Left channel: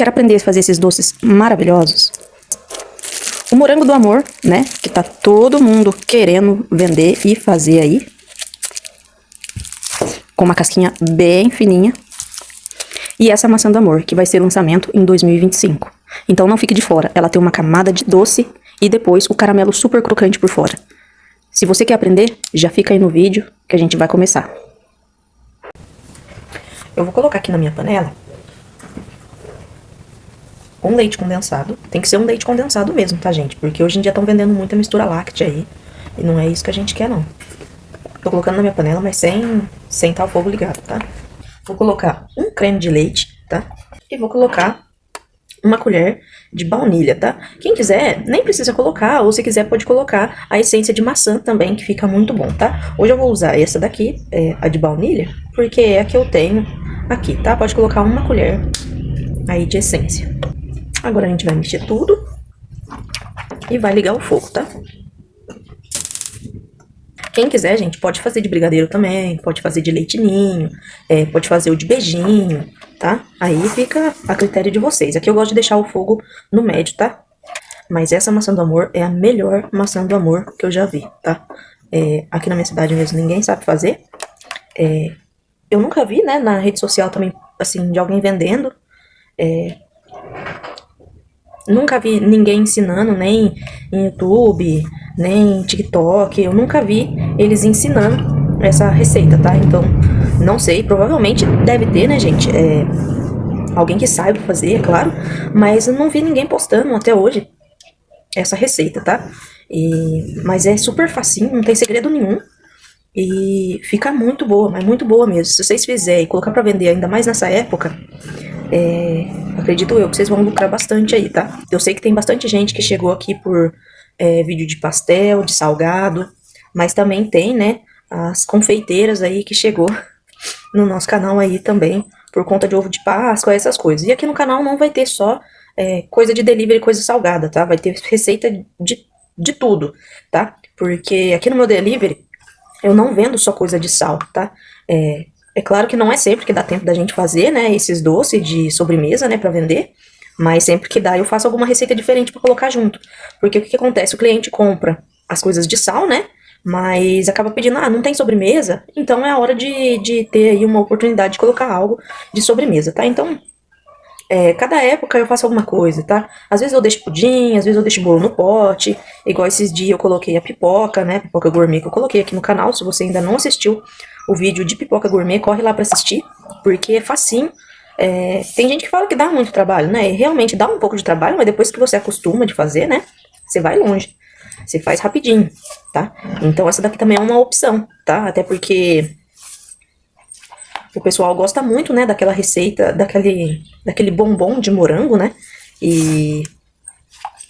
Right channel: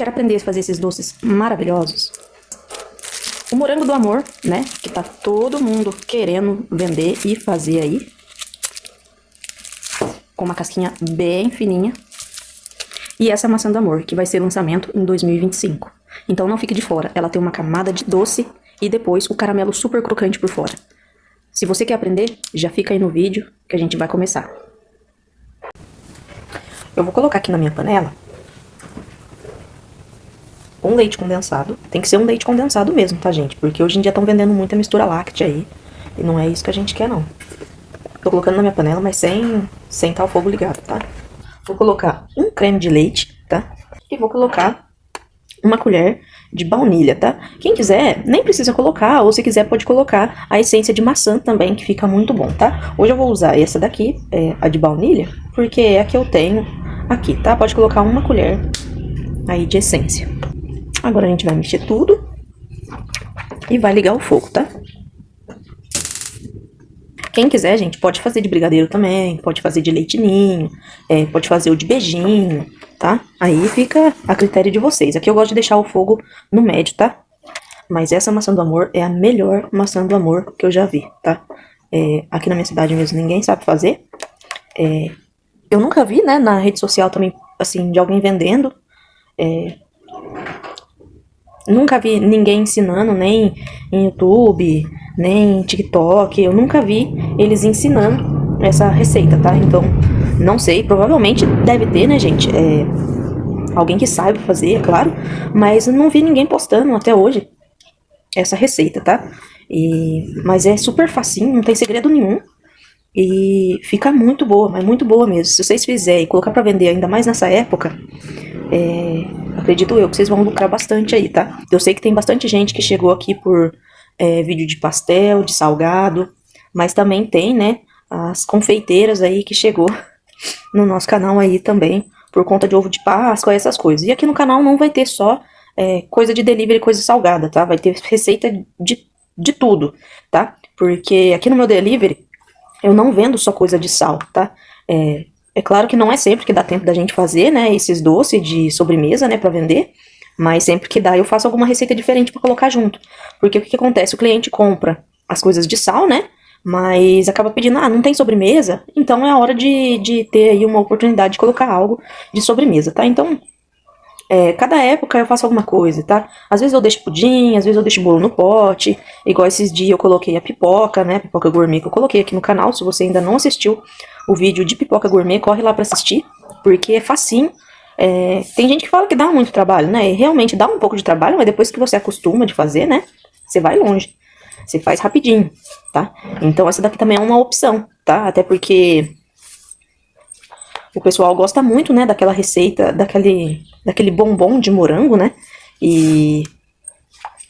Quer aprender a fazer esses doces maravilhosos? O morango do amor, né? Que tá todo mundo querendo vender e fazer aí. Com uma casquinha bem fininha. E essa maçã do amor, que vai ser lançamento em 2025. Então não fique de fora. Ela tem uma camada de doce e depois o caramelo super crocante por fora. Se você quer aprender, já fica aí no vídeo que a gente vai começar. Eu vou colocar aqui na minha panela um leite condensado. Tem que ser um leite condensado mesmo, tá, gente? Porque hoje em dia estão vendendo muita mistura láctea aí. E não é isso que a gente quer, não. Tô colocando na minha panela, mas sem tá o fogo ligado, tá? Vou colocar um creme de leite, tá? E vou colocar uma colher de baunilha, tá? Quem quiser, nem precisa colocar, ou se quiser pode colocar a essência de maçã também, que fica muito bom, tá? Hoje eu vou usar essa daqui, a de baunilha, porque é a que eu tenho aqui, tá? Pode colocar uma colher aí de essência. Agora a gente vai mexer tudo e vai ligar o fogo, tá? Quem quiser, gente, pode fazer de brigadeiro também, pode fazer de leite ninho, pode fazer o de beijinho, tá? Aí fica a critério de vocês. Aqui eu gosto de deixar o fogo no médio, tá? Mas essa maçã do amor é a melhor maçã do amor que eu já vi, tá? Aqui na minha cidade mesmo ninguém sabe fazer. Eu nunca vi, né, na rede social também, assim, de alguém vendendo. Nunca vi ninguém ensinando, nem em YouTube, nem em TikTok. Eu nunca vi eles ensinando essa receita, tá? Então, não sei, provavelmente deve ter, né, gente? Alguém que saiba fazer, é claro. Mas eu não vi ninguém postando até hoje essa receita, tá? Mas é super facinho, não tem segredo nenhum. E fica muito boa, mas muito boa mesmo. Se vocês fizerem e colocar pra vender ainda mais nessa época, acredito eu que vocês vão lucrar bastante aí, tá? Eu sei que tem bastante gente que chegou aqui por vídeo de pastel, de salgado, mas também tem, né, as confeiteiras aí que chegou no nosso canal aí também, por conta de ovo de Páscoa, essas coisas. E aqui no canal não vai ter só coisa de delivery, coisa salgada, tá? Vai ter receita de tudo, tá? Porque aqui no meu delivery eu não vendo só coisa de sal, tá? É claro que não é sempre que dá tempo da gente fazer, né, esses doces de sobremesa, né, pra vender, mas sempre que dá eu faço alguma receita diferente pra colocar junto. Porque o que acontece? O cliente compra as coisas de sal, né, mas acaba pedindo, não tem sobremesa, então é a hora de ter aí uma oportunidade de colocar algo de sobremesa, tá? Então, cada época eu faço alguma coisa, tá? Às vezes eu deixo pudim, às vezes eu deixo bolo no pote, igual esses dias eu coloquei a pipoca, né, pipoca gourmet que eu coloquei aqui no canal. Se você ainda não assistiu o vídeo de pipoca gourmet, corre lá pra assistir, porque é facinho. Tem gente que fala que dá muito trabalho, né, e realmente dá um pouco de trabalho, mas depois que você acostuma de fazer, né, você vai longe, você faz rapidinho, tá? Então essa daqui também é uma opção, tá? Até porque o pessoal gosta muito, né, daquela receita, daquele bombom de morango, né? E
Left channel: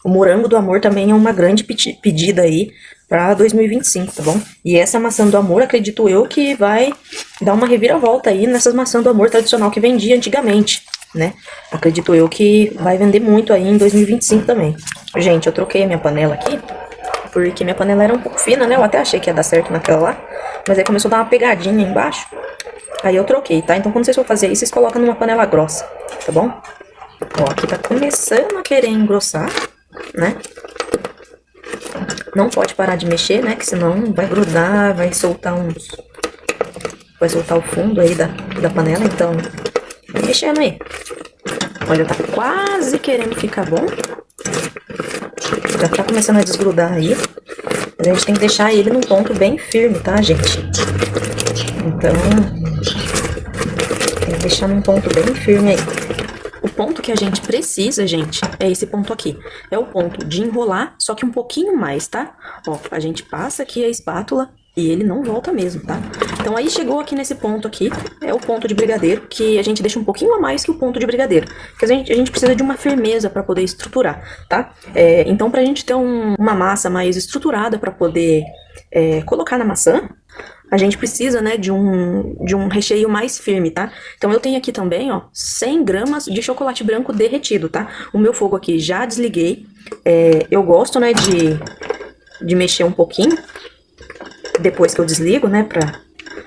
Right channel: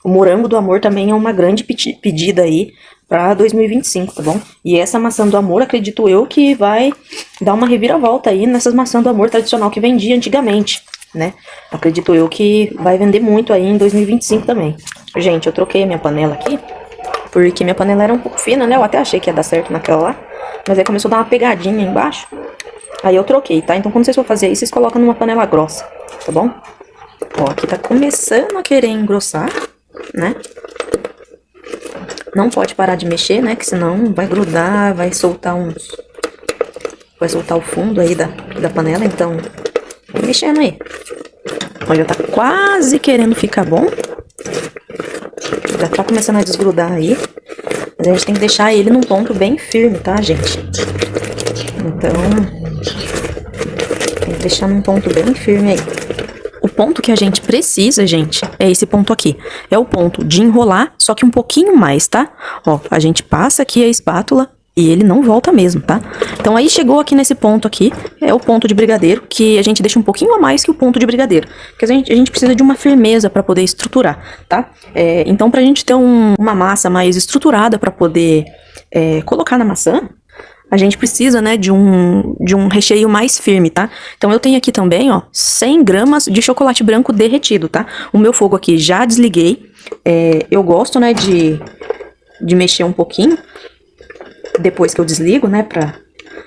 o morango do amor também é uma grande pedida aí pra 2025, tá bom? E essa maçã do amor, acredito eu, que vai dar uma reviravolta aí nessas maçãs do amor tradicional que vendia antigamente, né? Acredito eu que vai vender muito aí em 2025 também. Gente, eu troquei a minha panela aqui, porque minha panela era um pouco fina, né? Eu até achei que ia dar certo naquela lá, mas aí começou a dar uma pegadinha embaixo. Aí eu troquei, tá? Então quando vocês for fazer isso, vocês colocam numa panela grossa, tá bom? Ó, aqui tá começando a querer engrossar, né? Não pode parar de mexer, né? Que senão vai grudar, vai soltar vai soltar o fundo aí da panela, então vai mexendo aí. Olha, tá quase querendo ficar bom. Já tá começando a desgrudar aí. Mas a gente tem que deixar ele num ponto bem firme, tá, gente? Então, tem que deixar num ponto bem firme aí. O ponto que a gente precisa, gente, é esse ponto aqui. É o ponto de enrolar, só que um pouquinho mais, tá? Ó, a gente passa aqui a espátula e ele não volta mesmo, tá? Então aí chegou aqui nesse ponto aqui, é o ponto de brigadeiro, que a gente deixa um pouquinho a mais que o ponto de brigadeiro. Porque a gente precisa de uma firmeza pra poder estruturar, tá? Então pra gente ter uma massa mais estruturada pra poder colocar na maçã, a gente precisa, né, de um recheio mais firme, tá? Então eu tenho aqui também, ó, 100 gramas de chocolate branco derretido, tá? O meu fogo aqui já desliguei. Eu gosto, né, de mexer um pouquinho depois que eu desligo, né, pra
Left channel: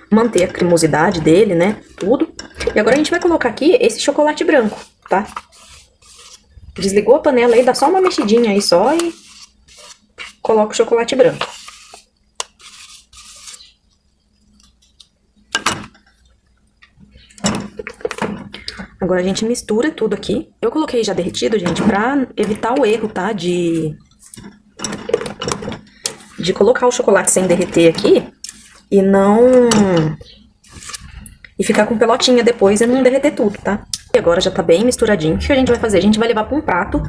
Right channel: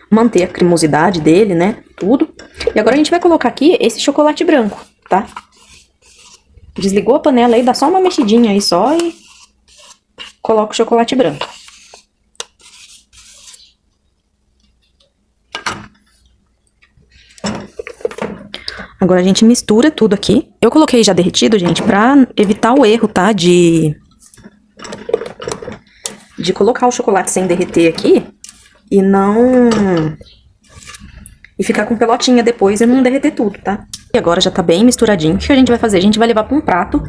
manter a cremosidade dele, né, tudo. E agora a gente vai colocar aqui esse chocolate branco, tá? Desligou a panela aí, dá só uma mexidinha aí só e coloca o chocolate branco. Agora a gente mistura tudo aqui. Eu coloquei já derretido, gente, pra evitar o erro, tá? De colocar o chocolate sem derreter aqui e não... E ficar com pelotinha depois e não derreter tudo, tá? E agora já tá bem misturadinho. O que a gente vai fazer? A gente vai levar pra um prato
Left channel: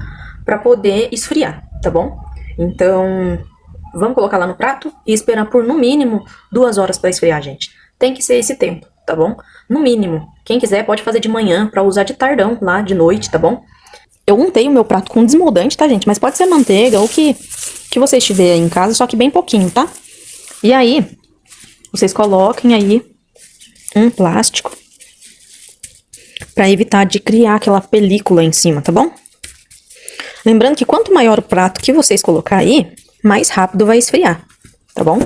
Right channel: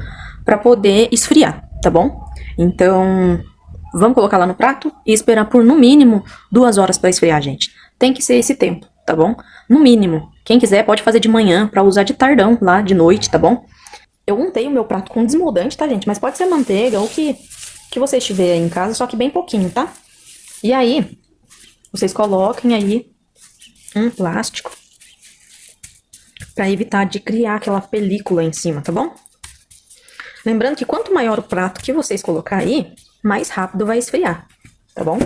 pra poder esfriar, tá bom? Então, vamos colocar lá no prato e esperar por, no mínimo, 2 horas pra esfriar, gente. Tem que ser esse tempo, tá bom? No mínimo. Quem quiser pode fazer de manhã pra usar de tardão lá, de noite, tá bom? Eu untei o meu prato com desmoldante, tá, gente? Mas pode ser manteiga ou que vocês tiverem em casa, só que bem pouquinho, tá? E aí, vocês coloquem aí um plástico pra evitar de criar aquela película em cima, tá bom? Lembrando que quanto maior o prato que vocês colocar aí, mais rápido vai esfriar, tá bom?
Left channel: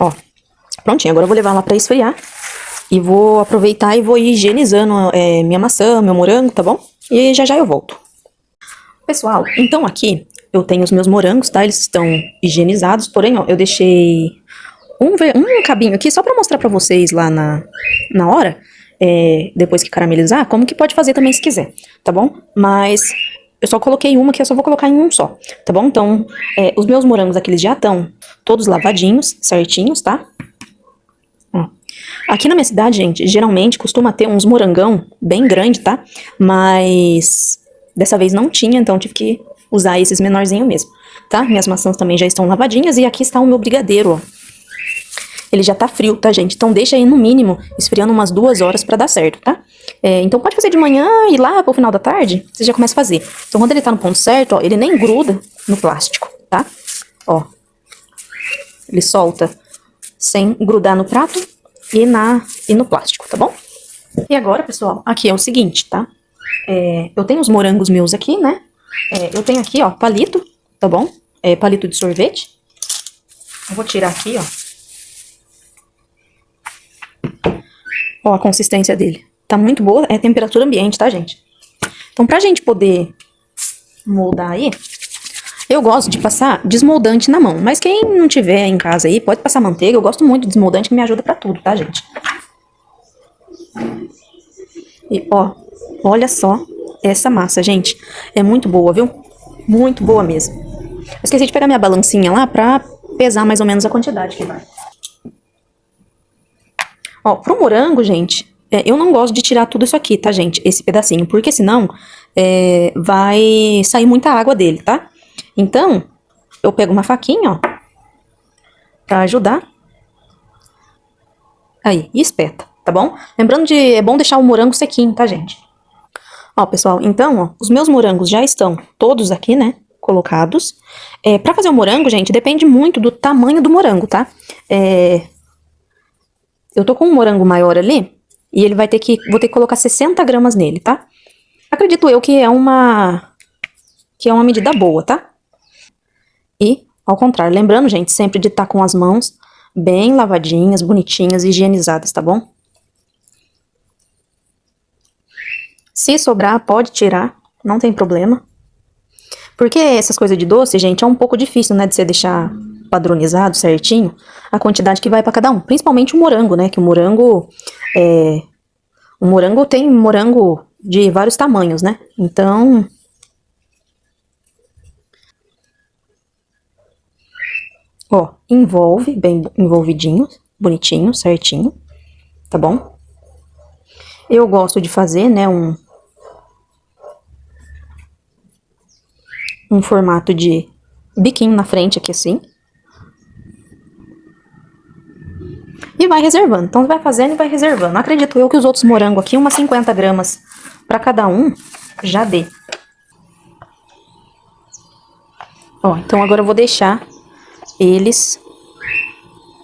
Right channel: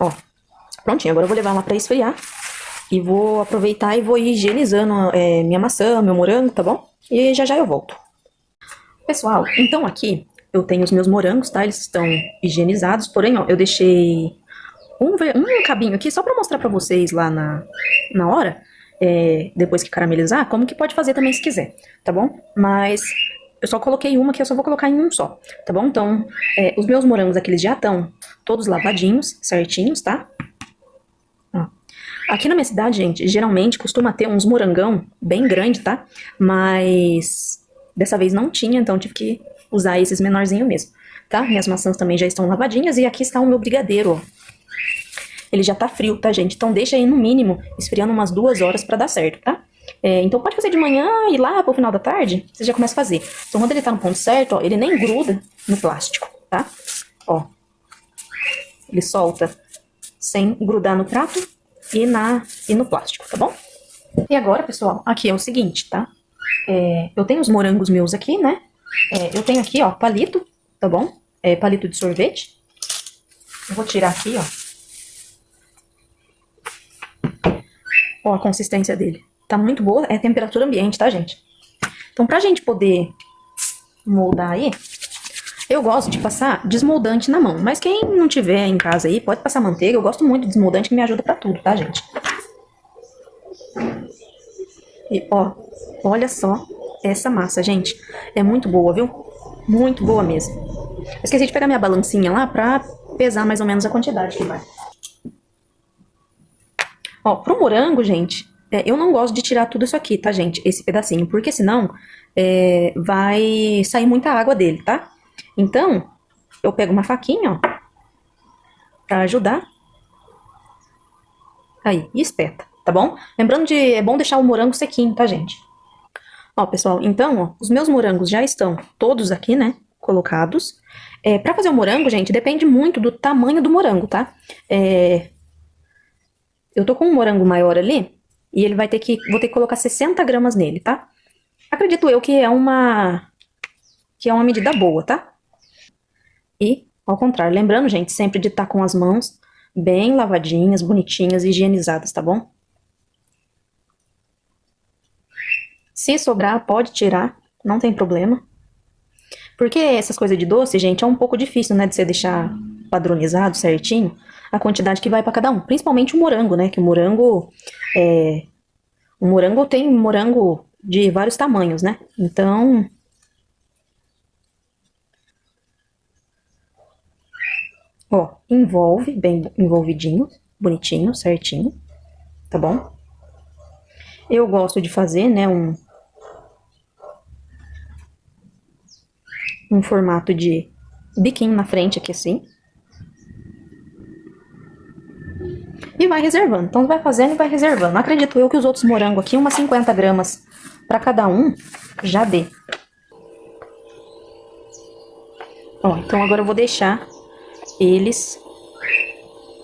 Ó, prontinho, agora eu vou levar lá pra esfriar. E vou aproveitar e vou ir higienizando minha maçã, meu morango, tá bom? E já já eu volto. Pessoal, então aqui eu tenho os meus morangos, tá? Eles estão higienizados, porém, ó, eu deixei um cabinho aqui só pra mostrar pra vocês lá na hora, depois que caramelizar, como que pode fazer também se quiser, tá bom? Mas eu só coloquei uma que eu só vou colocar em um só, tá bom? Então, os meus morangos aqui, eles já estão todos lavadinhos, certinhos, tá? Ó. Aqui na minha cidade, gente, geralmente costuma ter uns morangão bem grande, tá? Mas dessa vez não tinha, então tive que usar esses menorzinhos mesmo, tá? Minhas maçãs também já estão lavadinhas e aqui está o meu brigadeiro, ó. Ele já tá frio, tá, gente? Então deixa aí no mínimo esfriando umas 2 horas pra dar certo, tá? Então pode fazer de manhã e lá pro final da tarde, você já começa a fazer. Então quando ele tá no ponto certo, ó, ele nem gruda no plástico, tá? Ó, ele solta sem grudar no prato e no plástico, tá bom? E agora, pessoal, aqui é o seguinte, tá? Eu tenho os morangos meus aqui, né? Eu tenho aqui, ó, palito, tá bom? Palito de sorvete. Eu vou tirar aqui, ó. Ó, a consistência dele. Tá muito boa, é temperatura ambiente, tá, gente? Então, pra gente poder moldar aí, eu gosto de passar desmoldante na mão. Mas quem não tiver em casa aí, pode passar manteiga. Eu gosto muito de desmoldante, que me ajuda pra tudo, tá, gente? E, ó, olha só essa massa, gente. É muito boa, viu? Muito boa mesmo. Eu esqueci de pegar minha balancinha lá pra pesar mais ou menos a quantidade que vai. Ó, pro morango, gente, eu não gosto de tirar tudo isso aqui, tá, gente? Esse pedacinho, porque senão vai sair muita água dele, tá? Então, eu pego uma faquinha, ó, pra ajudar. Aí, e espeta, tá bom? Lembrando é bom deixar o morango sequinho, tá, gente? Ó, pessoal, então, ó, os meus morangos já estão todos aqui, né, colocados. Pra fazer o morango, gente, depende muito do tamanho do morango, tá? Eu tô com um morango maior ali, e ele vou ter que colocar 60 gramas nele, tá? Acredito eu que é uma medida boa, tá? E, ao contrário, lembrando, gente, sempre de estar com as mãos bem lavadinhas, bonitinhas, higienizadas, tá bom? Se sobrar, pode tirar, não tem problema. Porque essas coisas de doce, gente, é um pouco difícil, né, de você deixar padronizado certinho a quantidade que vai pra cada um. Principalmente o morango, né, que o morango tem morango de vários tamanhos, né? Então, ó, envolve bem envolvidinho, bonitinho, certinho, tá bom? Eu gosto de fazer, né, um formato de biquinho na frente aqui assim. E vai reservando. Então vai fazendo e vai reservando. Acredito eu que os outros morangos aqui, umas 50 gramas pra cada um, já dê. Ó, então agora eu vou deixar eles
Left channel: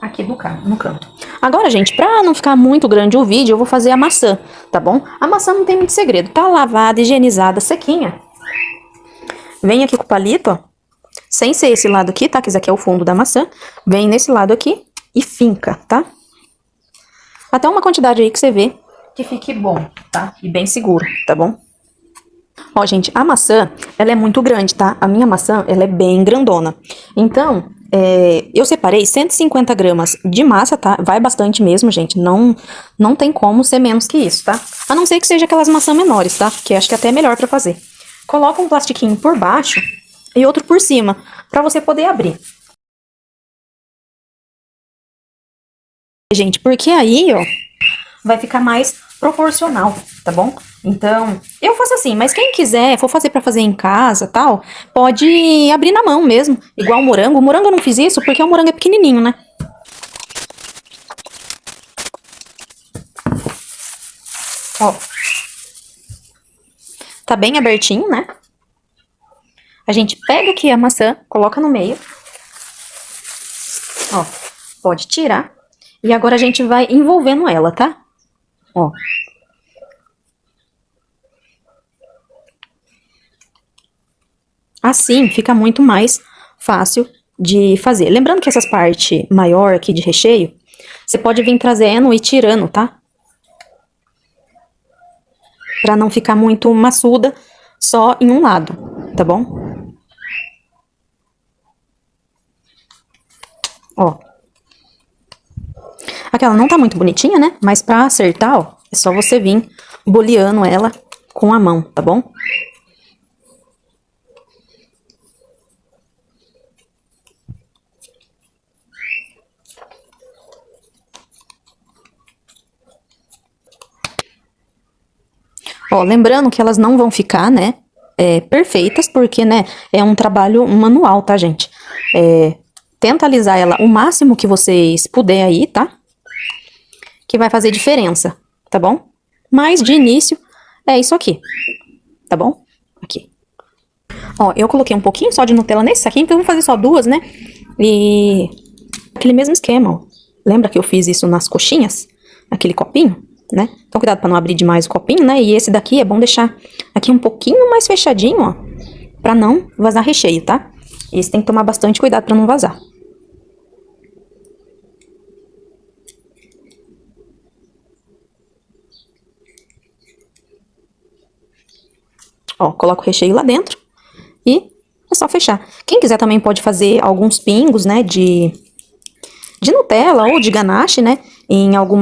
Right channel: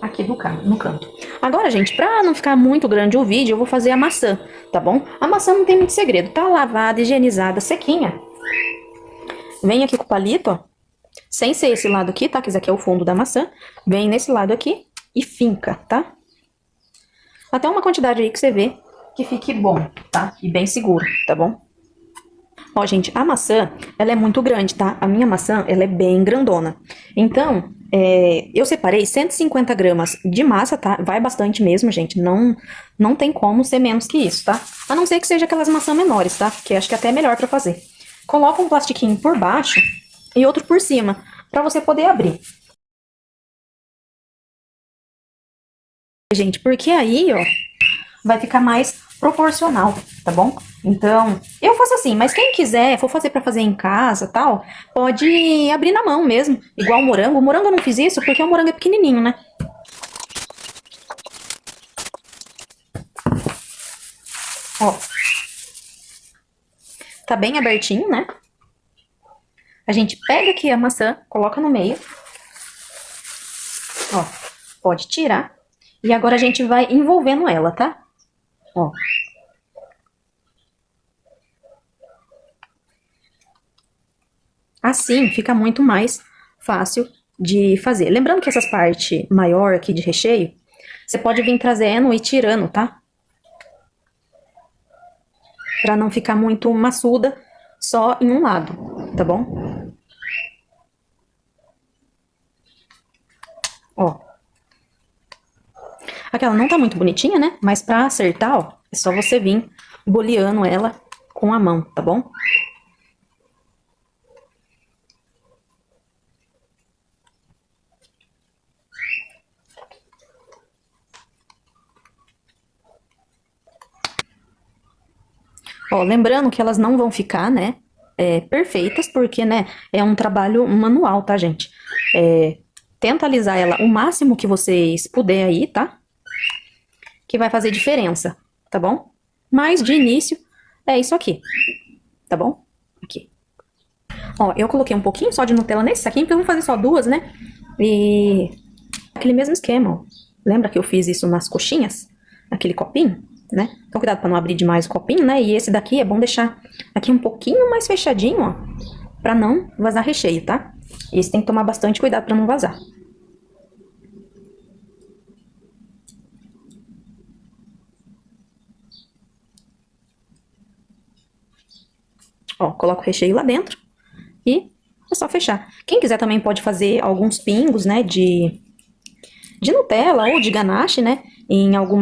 aqui no canto. Agora, gente, pra não ficar muito grande o vídeo, eu vou fazer a maçã, tá bom? A maçã não tem muito segredo. Tá lavada, higienizada, sequinha. Vem aqui com o palito, ó. Sem ser esse lado aqui, tá? Que esse aqui é o fundo da maçã. Vem nesse lado aqui e finca, tá? Até uma quantidade aí que você vê que fique bom, tá? E bem seguro, tá bom? Ó, gente, a maçã, ela é muito grande, tá? A minha maçã, ela é bem grandona. Então, eu separei 150 gramas de massa, tá? Vai bastante mesmo, gente. Não tem como ser menos que isso, tá? A não ser que seja aquelas maçãs menores, tá? Que acho que até é melhor pra fazer. Coloca um plastiquinho por baixo e outro por cima, pra você poder abrir. Gente, porque aí, ó, vai ficar mais proporcional, tá bom? Então, eu faço assim, mas quem quiser, for fazer pra fazer em casa, tal, pode abrir na mão mesmo, igual o morango. O morango eu não fiz isso porque o morango é pequenininho, né? Ó, tá bem abertinho, né? A gente pega aqui a maçã, coloca no meio. Ó, pode tirar. E agora a gente vai envolvendo ela, tá? Ó. Assim fica muito mais fácil de fazer. Lembrando que essas partes maior aqui de recheio, você pode vir trazendo e tirando, tá? Pra não ficar muito maçuda só em um lado, tá bom? Ó. Aquela não tá muito bonitinha, né? Mas pra acertar, ó, é só você vir boleando ela com a mão, tá bom? Ó, lembrando que elas não vão ficar, né, perfeitas, porque, né, é um trabalho manual, tá, gente? Tenta alisar ela o máximo que vocês puder aí, tá? Que vai fazer diferença, tá bom? Mas, de início, é isso aqui, tá bom? Aqui. Ó, eu coloquei um pouquinho só de Nutella nesse saquinho, porque eu vou fazer só duas, né? E aquele mesmo esquema, ó. Lembra que eu fiz isso nas coxinhas? Aquele copinho, né? Então, cuidado pra não abrir demais o copinho, né? E esse daqui é bom deixar aqui um pouquinho mais fechadinho, ó. Pra não vazar recheio, tá? Esse tem que tomar bastante cuidado pra não vazar. Ó, coloca o recheio lá dentro e é só fechar. Quem quiser também pode fazer alguns pingos, né, de Nutella ou de ganache, né, em algum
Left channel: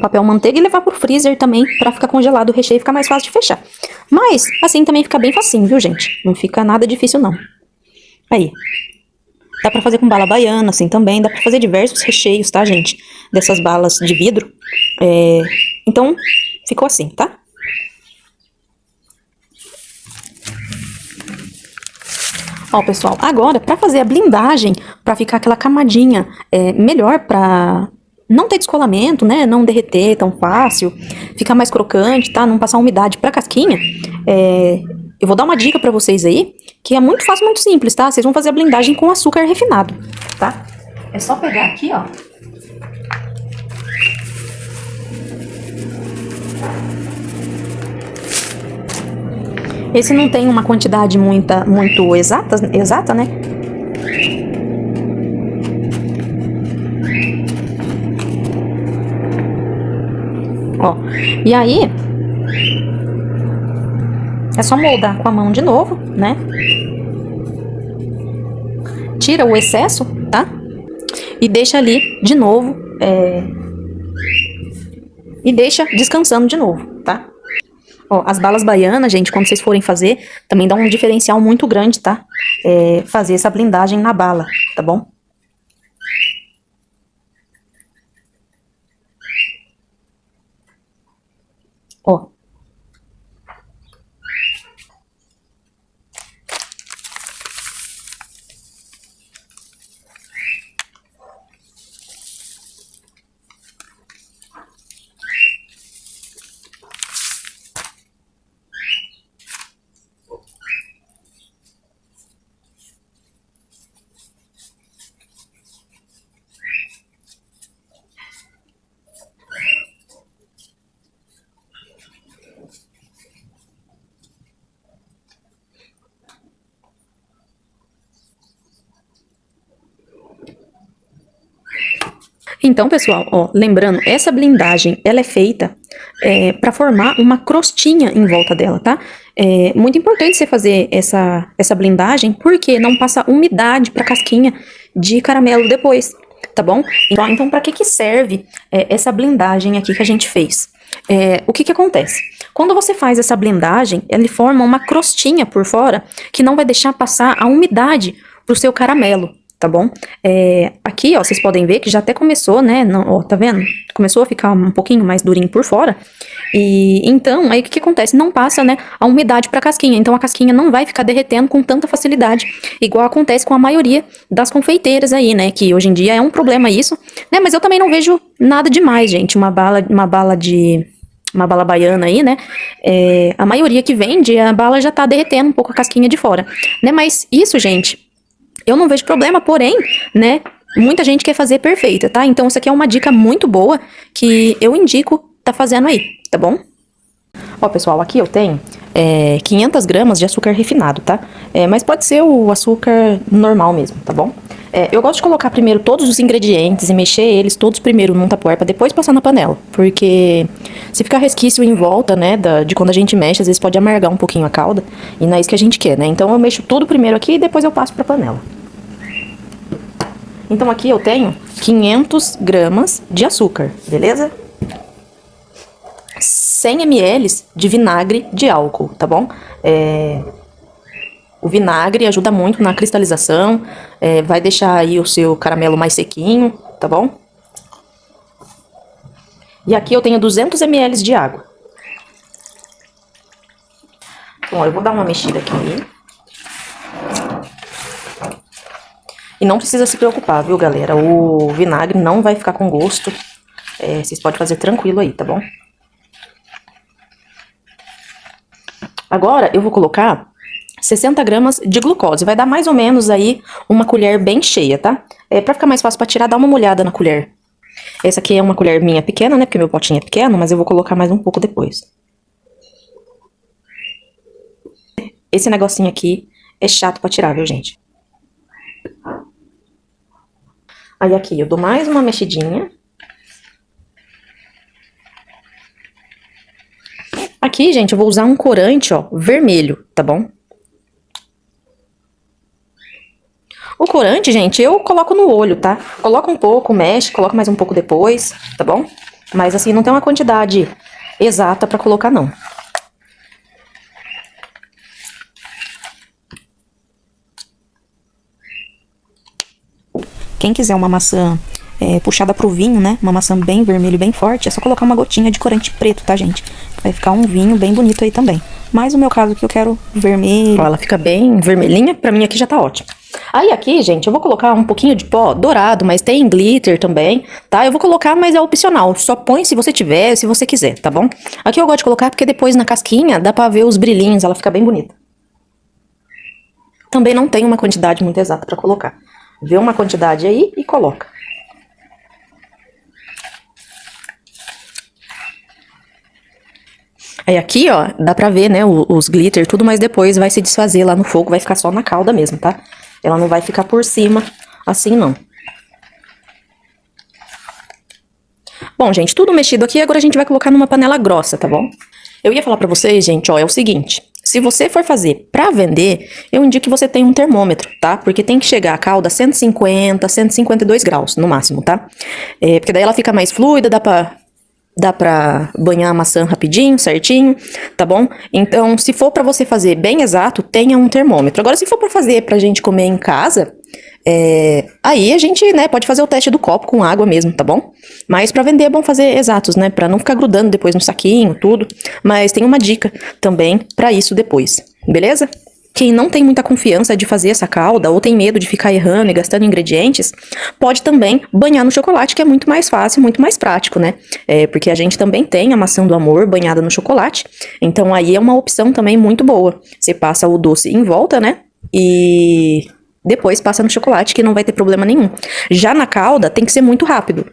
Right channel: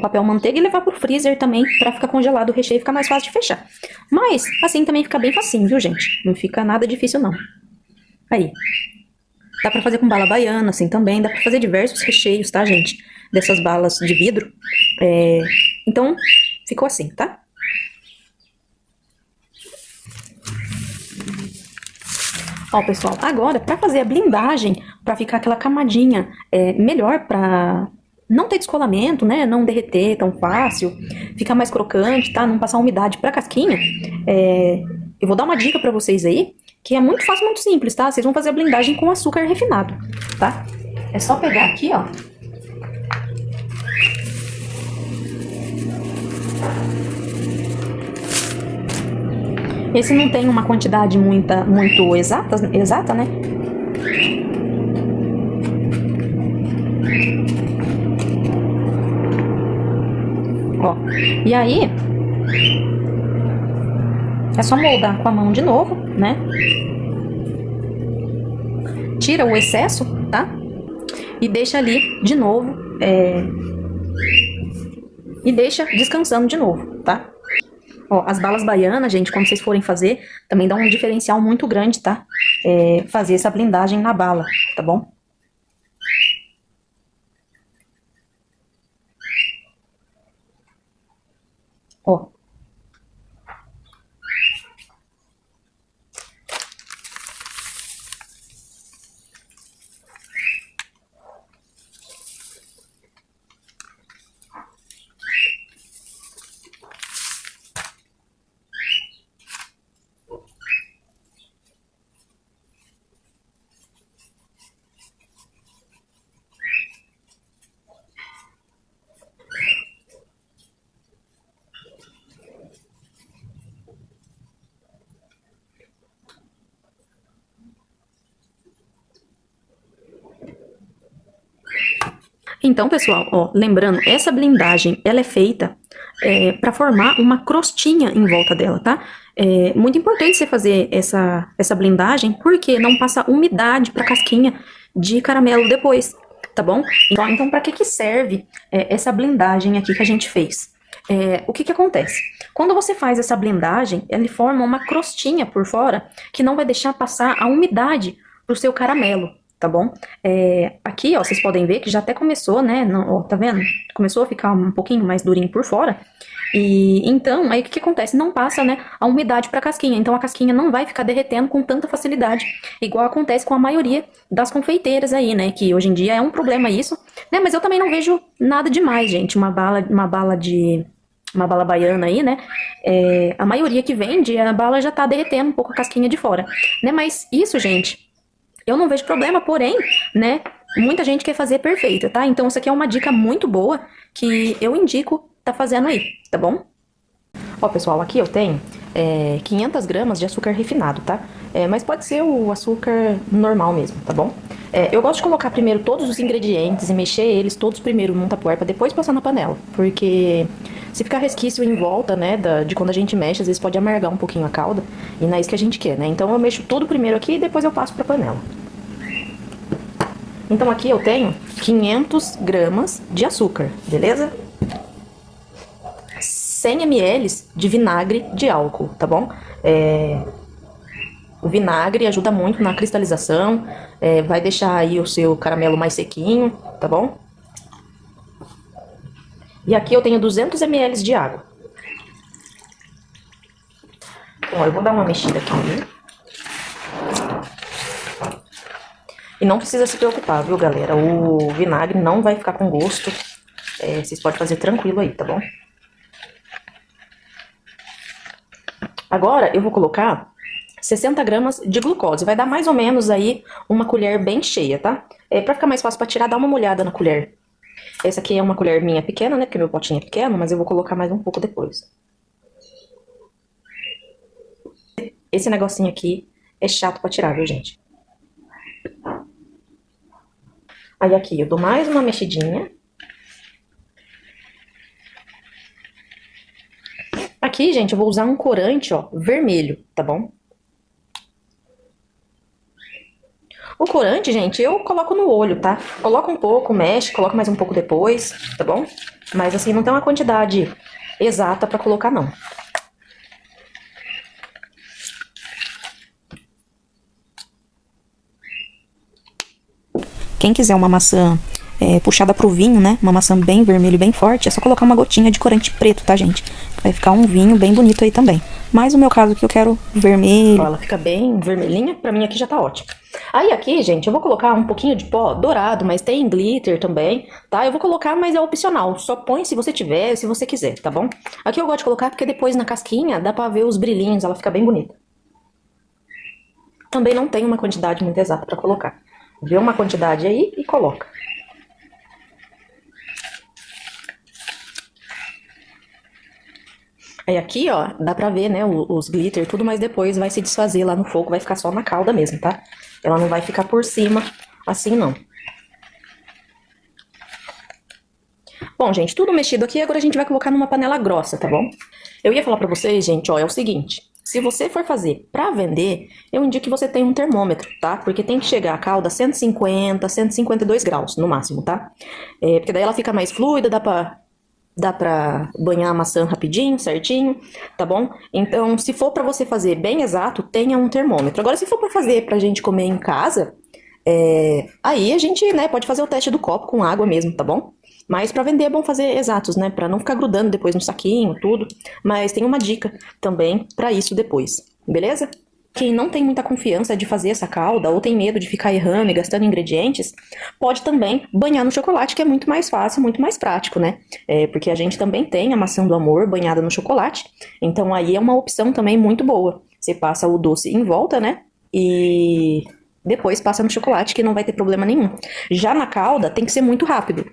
papel manteiga e levar pro freezer também pra ficar congelado o recheio e ficar mais fácil de fechar. Mas assim também fica bem facinho, viu, gente? Não fica nada difícil, não. Aí. Dá pra fazer com bala baiana, assim, também. Dá pra fazer diversos recheios, tá, gente? Dessas balas de vidro. Então, ficou assim, tá? Ó, pessoal, agora, pra fazer a blindagem, pra ficar aquela camadinha melhor pra não ter descolamento, né? Não derreter tão fácil, ficar mais crocante, tá? Não passar umidade pra casquinha, eu vou dar uma dica pra vocês aí, que é muito fácil, muito simples, tá? Vocês vão fazer a blindagem com açúcar refinado, tá? É só pegar aqui, ó. Esse não tem uma quantidade muito exata, né? Ó, e aí, é só moldar com a mão de novo, né? Tira o excesso, tá? E deixa ali de novo, e deixa descansando de novo, tá? Ó, as balas baianas, gente, quando vocês forem fazer, também dá um diferencial muito grande, tá? Fazer essa blindagem na bala, tá bom? Ó. Então, pessoal, ó, lembrando, essa blindagem, ela é feita para formar uma crostinha em volta dela, tá? É muito importante você fazer essa blindagem, porque não passa umidade pra casquinha de caramelo depois, tá bom? Então para que serve essa blindagem aqui que a gente fez? O que acontece? Quando você faz essa blindagem, ele forma uma crostinha por fora que não vai deixar passar a umidade pro seu caramelo, tá bom? Aqui, ó, vocês podem ver que já até começou, né? Não, ó, tá vendo? Começou a ficar um pouquinho mais durinho por fora. E então, aí o que acontece? Não passa, né, a umidade para a casquinha. Então a casquinha não vai ficar derretendo com tanta facilidade, igual acontece com a maioria das confeiteiras aí, né? Que hoje em dia é um problema isso, né? Mas eu também não vejo nada demais, gente. Uma bala baiana aí, né? A maioria que vende, a bala já tá derretendo um pouco a casquinha de fora, né? Mas isso, gente, eu não vejo problema, porém, né? Muita gente quer fazer perfeita, tá? Então, isso aqui é uma dica muito boa que eu indico tá fazendo aí, tá bom? Ó, pessoal, aqui eu tenho 500 gramas de açúcar refinado, tá? Mas pode ser o açúcar normal mesmo, tá bom? Eu gosto de colocar primeiro todos os ingredientes e mexer eles todos primeiro num tapoer pra depois passar na panela. Porque se ficar resquício em volta, né, de quando a gente mexe, às vezes pode amargar um pouquinho a calda. E não é isso que a gente quer, né? Então eu mexo tudo primeiro aqui e depois eu passo pra panela. Então aqui eu tenho 500 gramas de açúcar, beleza? 100 ml de vinagre de álcool, tá bom? O vinagre ajuda muito na cristalização, vai deixar aí o seu caramelo mais sequinho, tá bom? E aqui eu tenho 200 ml de água. Bom, eu vou dar uma mexida aqui. E não precisa se preocupar, viu, galera? O vinagre não vai ficar com gosto. Vocês podem fazer tranquilo aí, tá bom? Agora eu vou colocar 60 gramas de glucose. Vai dar mais ou menos aí uma colher bem cheia, tá? Pra ficar mais fácil pra tirar, dá uma molhada na colher. Essa aqui é uma colher minha pequena, né? Porque meu potinho é pequeno, mas eu vou colocar mais um pouco depois. Esse negocinho aqui é chato pra tirar, viu, gente? Aí aqui eu dou mais uma mexidinha. Aqui, gente, eu vou usar um corante, ó, vermelho, tá bom? O corante, gente, eu coloco no olho, tá? Coloca um pouco, mexe, coloca mais um pouco depois, tá bom? Mas assim, não tem uma quantidade exata pra colocar, não. Quem quiser uma maçã puxada pro vinho, né? Uma maçã bem vermelha e bem forte, é só colocar uma gotinha de corante preto, tá, gente? Vai ficar um vinho bem bonito aí também. Mas o meu caso aqui eu quero vermelho. Ela fica bem vermelhinha, pra mim aqui já tá ótimo. Aí aqui, gente, eu vou colocar um pouquinho de pó dourado, mas tem glitter também, tá? Eu vou colocar, mas é opcional. Só põe se você tiver, se você quiser, tá bom? Aqui eu gosto de colocar porque depois na casquinha dá pra ver os brilhinhos, ela fica bem bonita. Também não tem uma quantidade muito exata pra colocar. Vê uma quantidade aí e coloca. Aí aqui, ó, dá pra ver, né, os glitter, tudo, mas depois vai se desfazer lá no fogo, vai ficar só na calda mesmo, tá? Ela não vai ficar por cima, assim, não. Bom, gente, tudo mexido aqui, agora a gente vai colocar numa panela grossa, tá bom? Eu ia falar pra vocês, gente, ó, é o seguinte... Se você for fazer pra vender, eu indico que você tenha um termômetro, tá? Porque tem que chegar a calda a 150, 152 graus, no máximo, tá? Porque daí ela fica mais fluida, dá pra banhar a maçã rapidinho, certinho, tá bom? Então, se for pra você fazer bem exato, tenha um termômetro. Agora, se for pra fazer pra gente comer em casa... aí a gente, né, pode fazer o teste do copo com água mesmo, tá bom? Mas pra vender é bom fazer exatos, né, pra não ficar grudando depois no saquinho, tudo. Mas tem uma dica também pra isso depois, beleza? Quem não tem muita confiança de fazer essa calda ou tem medo de ficar errando e gastando ingredientes, pode também banhar no chocolate, que é muito mais fácil, muito mais prático, né? Porque a gente também tem a maçã do amor banhada no chocolate, então aí é uma opção também muito boa. Você passa o doce em volta, né? E... depois passa no chocolate, que não vai ter problema nenhum. Já na calda, tem que ser muito rápido.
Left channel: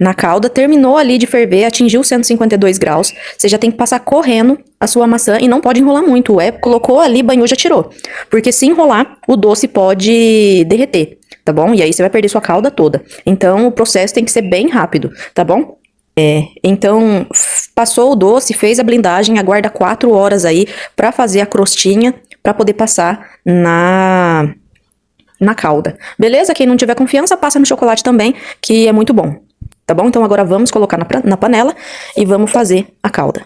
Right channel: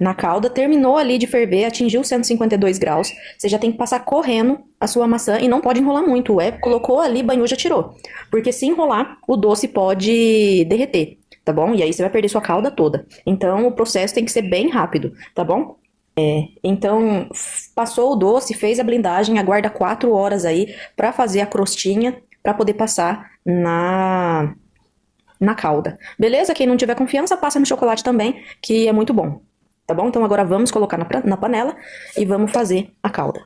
Na calda, terminou ali de ferver, atingiu 152 graus, você já tem que passar correndo a sua maçã e não pode enrolar muito. Colocou ali, banhou, já tirou. Porque se enrolar, o doce pode derreter, tá bom? E aí você vai perder sua calda toda. Então, o processo tem que ser bem rápido, tá bom? Então, passou o doce, fez a blindagem, aguarda 4 horas aí pra fazer a crostinha, pra poder passar na calda. Beleza? Quem não tiver confiança, passa no chocolate também, que é muito bom. Tá bom? Então agora vamos colocar na panela e vamos fazer a calda.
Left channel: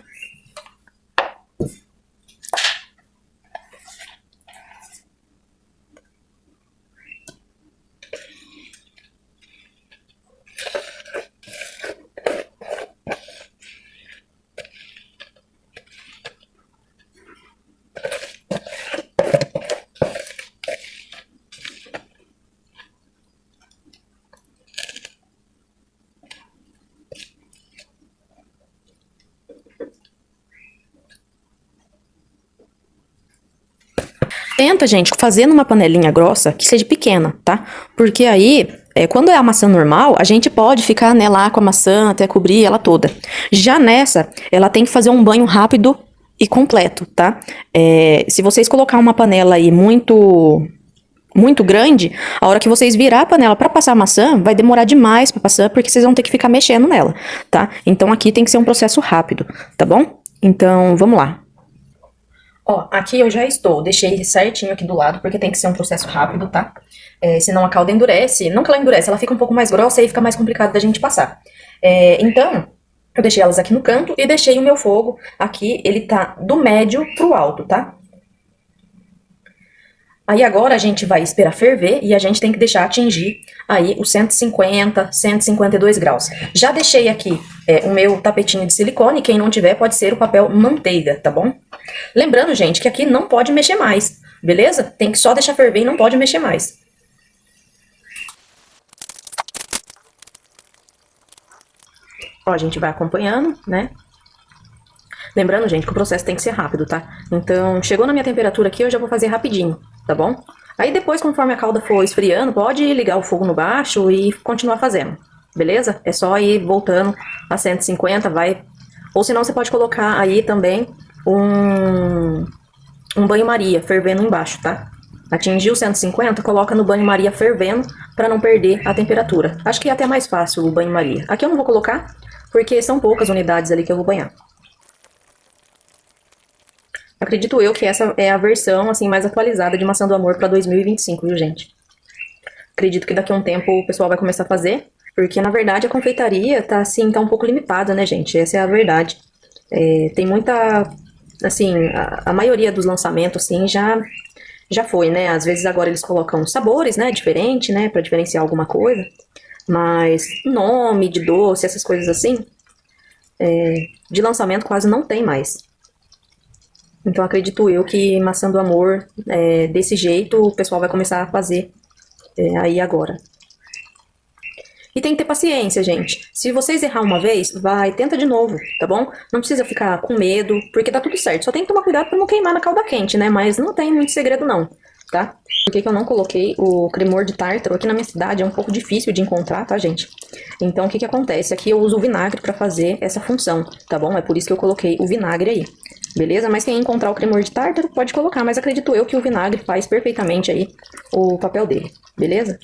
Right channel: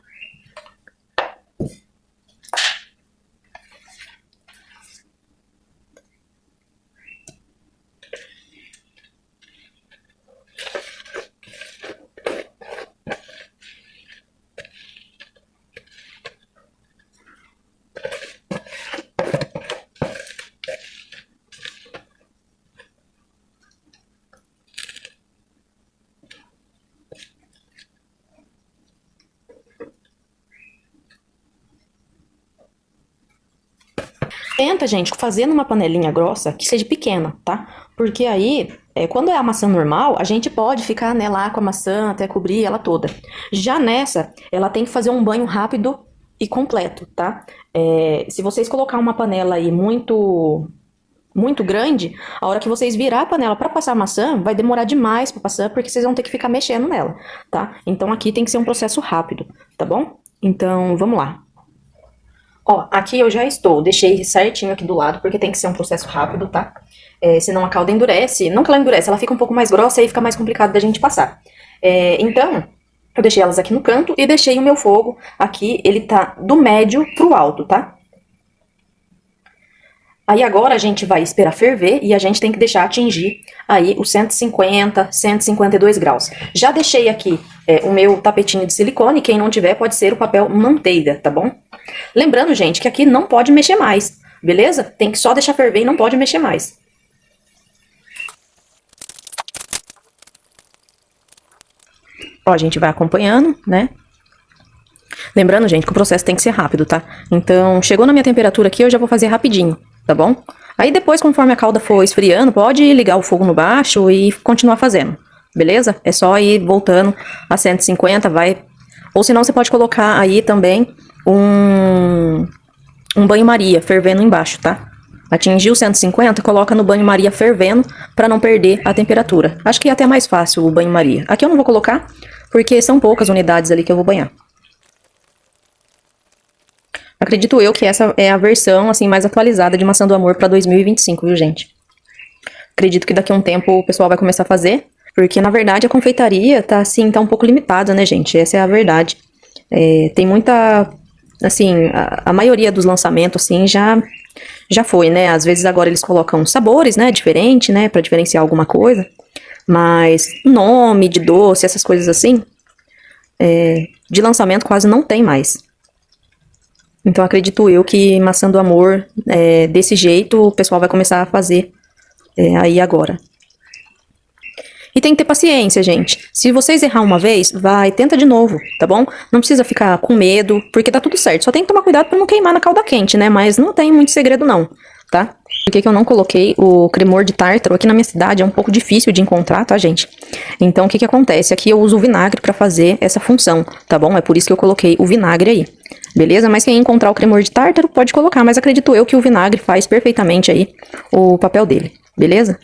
Tenta, gente, fazer numa panelinha grossa que seja pequena, tá? Porque aí, quando é a maçã normal, a gente pode ficar, né, lá com a maçã até cobrir ela toda. Já nessa, ela tem que fazer um banho rápido e completo, tá? Se vocês colocar uma panela aí muito grande, a hora que vocês virar a panela para passar a maçã, vai demorar demais para passar, porque vocês vão ter que ficar mexendo nela, tá? Então aqui tem que ser um processo rápido, tá bom? Então, vamos lá. Ó, aqui eu já estou, deixei certinho aqui do lado, porque tem que ser um processo rápido, tá? Senão a calda endurece, não que ela endurece, ela fica um pouco mais grossa e aí fica mais complicado da gente passar. Então, eu deixei elas aqui no canto e deixei o meu fogo aqui, ele tá do médio pro alto, tá? Aí agora a gente vai esperar ferver e a gente tem que deixar atingir aí os 150, 152 graus. Já deixei aqui o meu tapetinho de silicone, quem não tiver pode ser o papel manteiga, tá bom? Lembrando, gente, que aqui não pode mexer mais, beleza? Tem que só deixar ferver e não pode mexer mais. Ó, a gente vai acompanhando, né? Lembrando, gente, que o processo tem que ser rápido, tá? Então, chegou na minha temperatura aqui, eu já vou fazer rapidinho, tá bom? Aí depois, conforme a calda for esfriando, pode ligar o fogo no baixo e continuar fazendo, beleza? É só ir voltando a 150, vai... Ou senão você pode colocar aí também um banho-maria fervendo embaixo, tá? Atingiu 150, coloca no banho-maria fervendo para não perder a temperatura. Acho que é até mais fácil o banho-maria. Aqui eu não vou colocar, porque são poucas unidades ali que eu vou banhar. Acredito eu que essa é a versão assim mais atualizada de Maçã do Amor para 2025, viu, gente? Acredito que daqui a um tempo o pessoal vai começar a fazer, porque na verdade a confeitaria tá assim, tá um pouco limitada, né, gente? Essa é a verdade. Tem muita, assim, a maioria dos lançamentos assim já foi, né? Às vezes agora eles colocam sabores, né, diferente, né, para diferenciar alguma coisa, mas nome de doce, essas coisas assim, de lançamento quase não tem mais. Então acredito eu que Maçã do Amor, desse jeito, o pessoal vai começar a fazer aí agora. E tem que ter paciência, gente. Se vocês errar uma vez, tenta de novo, tá bom? Não precisa ficar com medo, porque tá tudo certo. Só tem que tomar cuidado pra não queimar na calda quente, né? Mas não tem muito segredo não, tá? Por que que eu não coloquei o cremor de tártaro? Aqui na minha cidade é um pouco difícil de encontrar, tá, gente? Então, o que que acontece? Aqui eu uso o vinagre pra fazer essa função, tá bom? É por isso que eu coloquei o vinagre aí, beleza? Mas quem encontrar o cremor de tártaro pode colocar, mas acredito eu que o vinagre faz perfeitamente aí o papel dele, beleza?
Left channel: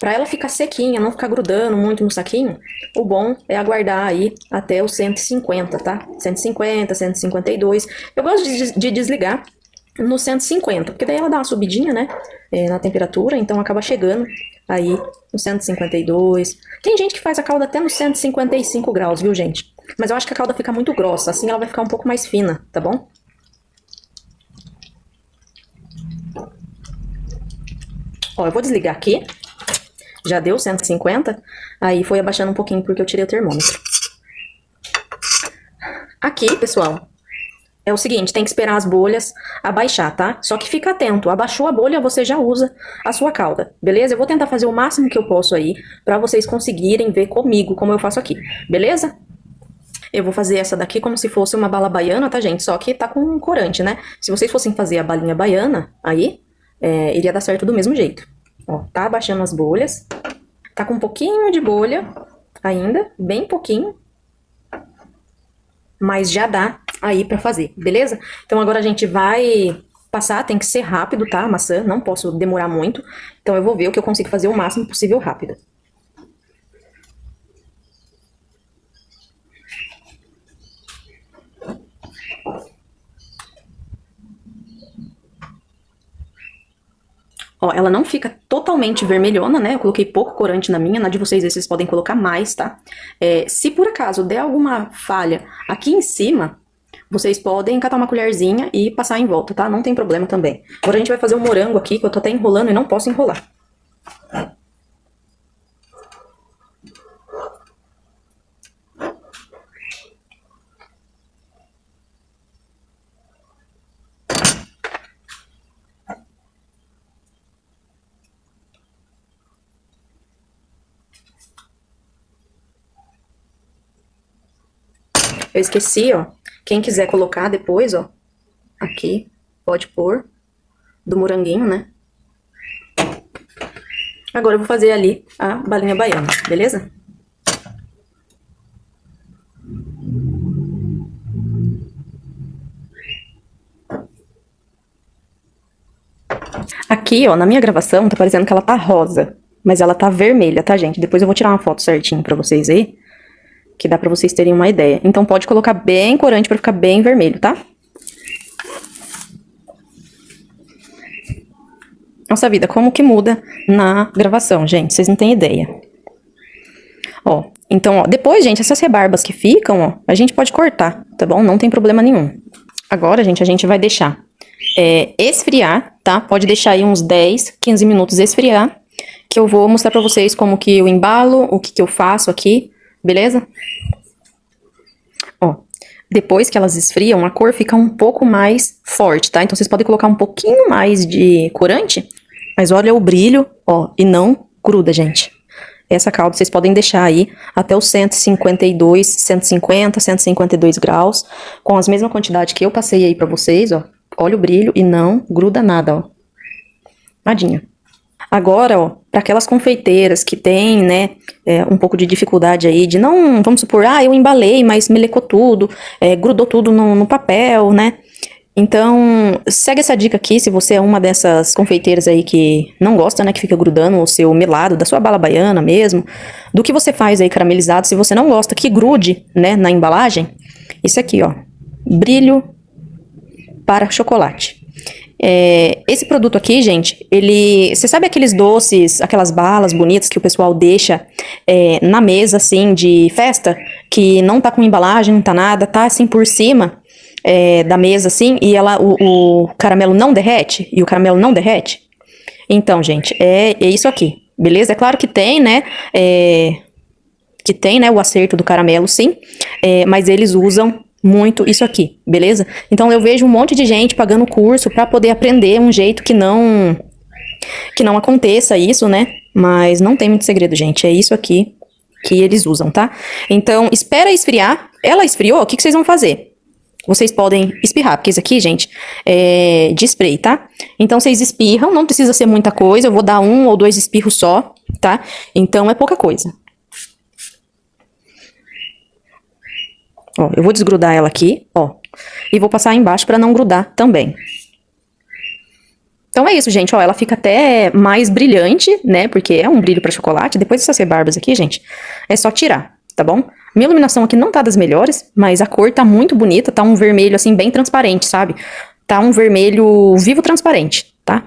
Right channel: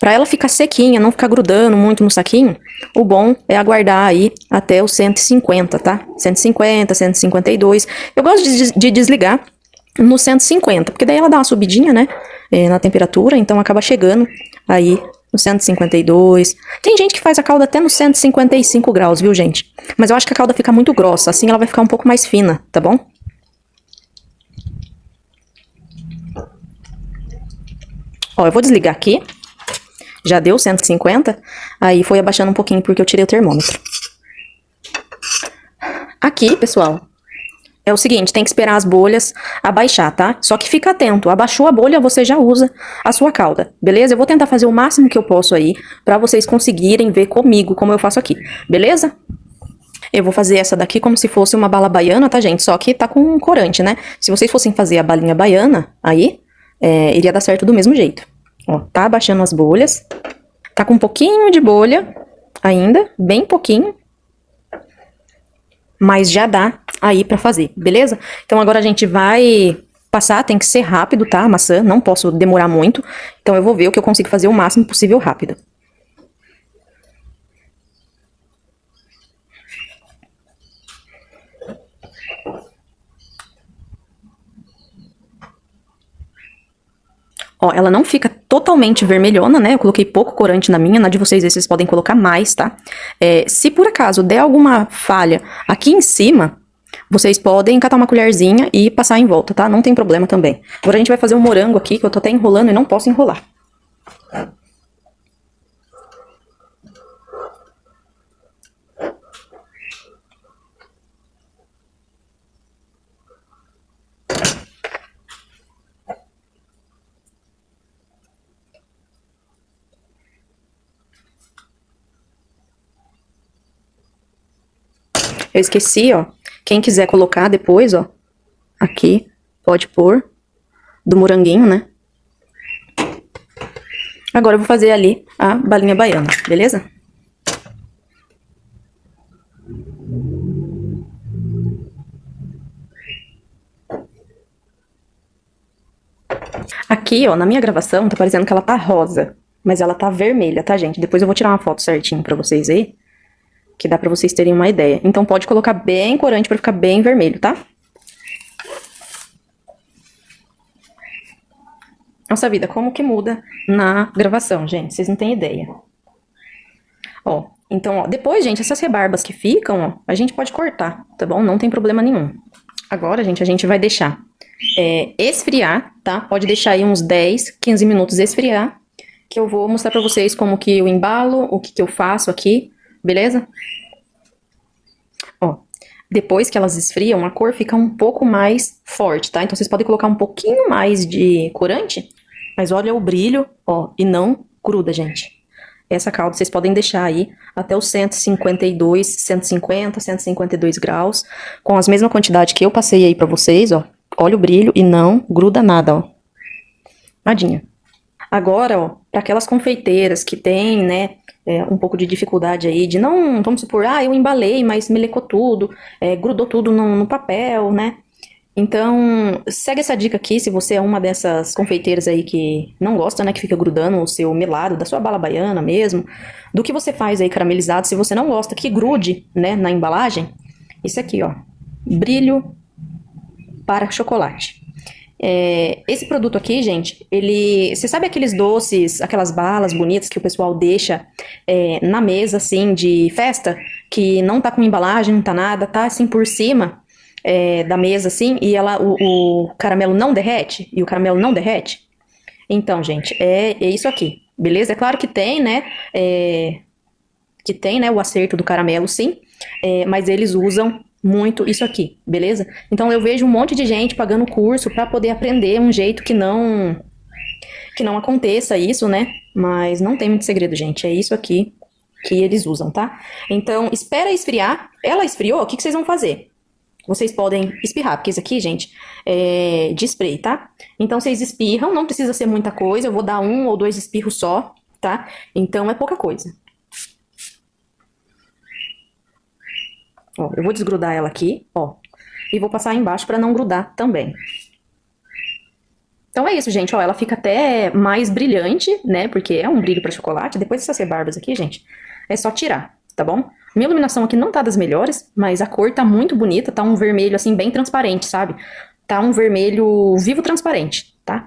Pra ela ficar sequinha, não ficar grudando muito no saquinho, o bom é aguardar aí até os 150, tá? 150, 152. Eu gosto de desligar no 150, porque daí ela dá uma subidinha, né? Na temperatura, então acaba chegando aí no 152. Tem gente que faz a calda até nos 155 graus, viu, gente? Mas eu acho que a calda fica muito grossa, assim ela vai ficar um pouco mais fina, tá bom? Ó, eu vou desligar aqui. Já deu 150, aí foi abaixando um pouquinho porque eu tirei o termômetro. Aqui, pessoal, é o seguinte, tem que esperar as bolhas abaixar, tá? Só que fica atento, abaixou a bolha, você já usa a sua calda, beleza? Eu vou tentar fazer o máximo que eu posso aí, pra vocês conseguirem ver comigo como eu faço aqui, beleza? Eu vou fazer essa daqui como se fosse uma bala baiana, tá, gente? Só que tá com um corante, né? Se vocês fossem fazer a balinha baiana, aí, iria dar certo do mesmo jeito. Ó, tá abaixando as bolhas. Tá com um pouquinho de bolha ainda, bem pouquinho. Mas já dá aí pra fazer, beleza? Então agora a gente vai passar, tem que ser rápido, tá? A maçã, não posso demorar muito. Então eu vou ver o que eu consigo fazer o máximo possível rápido. Ó, ela não fica totalmente vermelhona, né? Eu coloquei pouco corante na minha, na de vocês vocês podem colocar mais, tá? Se por acaso der alguma falha aqui em cima, vocês podem catar uma colherzinha e passar em volta, tá? Não tem problema também. Agora a gente vai fazer um morango aqui, que eu tô até enrolando e não posso enrolar. Eu esqueci, ó. Quem quiser colocar depois, ó, aqui, pode pôr, do moranguinho, né? Agora eu vou fazer ali a balinha baiana, beleza? Aqui, ó, na minha gravação, tá parecendo que ela tá rosa, mas ela tá vermelha, tá, gente? Depois eu vou tirar uma foto certinho pra vocês aí, que dá pra vocês terem uma ideia. Então pode colocar bem corante pra ficar bem vermelho, tá? Nossa vida, como que muda na gravação, gente? Vocês não têm ideia. Ó, então, ó, depois, gente, essas rebarbas que ficam, ó, a gente pode cortar, tá bom? Não tem problema nenhum. Agora, gente, a gente vai deixar esfriar, tá? Pode deixar aí uns 10, 15 minutos esfriar, que eu vou mostrar pra vocês como que eu embalo, o que que eu faço aqui, beleza? Ó, depois que elas esfriam, a cor fica um pouco mais forte, tá? Então vocês podem colocar um pouquinho mais de corante, mas olha o brilho, ó, e não gruda, gente. Essa calda vocês podem deixar aí até os 152, 150, 152 graus, com as mesmas quantidades que eu passei aí pra vocês, ó. Olha o brilho e não gruda nada, ó. Nadinha. Agora, ó, para aquelas confeiteiras que tem, né, um pouco de dificuldade aí de não, vamos supor, eu embalei, mas melecou tudo, grudou tudo no papel, né? Então, segue essa dica aqui, se você é uma dessas confeiteiras aí que não gosta, né, que fica grudando o seu melado, da sua bala baiana mesmo, do que você faz aí caramelizado, se você não gosta que grude, né, na embalagem, isso aqui, ó, brilho para chocolate. Esse produto aqui, gente, você sabe aqueles doces, aquelas balas bonitas que o pessoal deixa na mesa, assim, de festa, que não tá com embalagem, não tá nada, tá assim por cima da mesa, assim, e o caramelo não derrete, e o caramelo não derrete? Então, gente, é isso aqui, beleza? É claro que tem, né, o acerto do caramelo, sim, mas eles usam muito isso aqui, beleza? Então eu vejo um monte de gente pagando curso pra poder aprender um jeito que não aconteça isso, né? Mas não tem muito segredo, gente. É isso aqui que eles usam, tá? Então, espera esfriar. Ela esfriou, o que vocês vão fazer? Vocês podem espirrar, porque isso aqui, gente, é de spray, tá? Então, vocês espirram, não precisa ser muita coisa. Eu vou dar 1 ou 2 espirros só, tá? Então, é pouca coisa. Ó, eu vou desgrudar ela aqui, ó, e vou passar embaixo pra não grudar também. Então é isso, gente, ó, ela fica até mais brilhante, né, porque é um brilho pra chocolate. Depois dessas rebarbas aqui, gente, é só tirar, tá bom? Minha iluminação aqui não tá das melhores, mas a cor tá muito bonita, tá um vermelho, assim, bem transparente, sabe? Tá um vermelho vivo transparente, tá?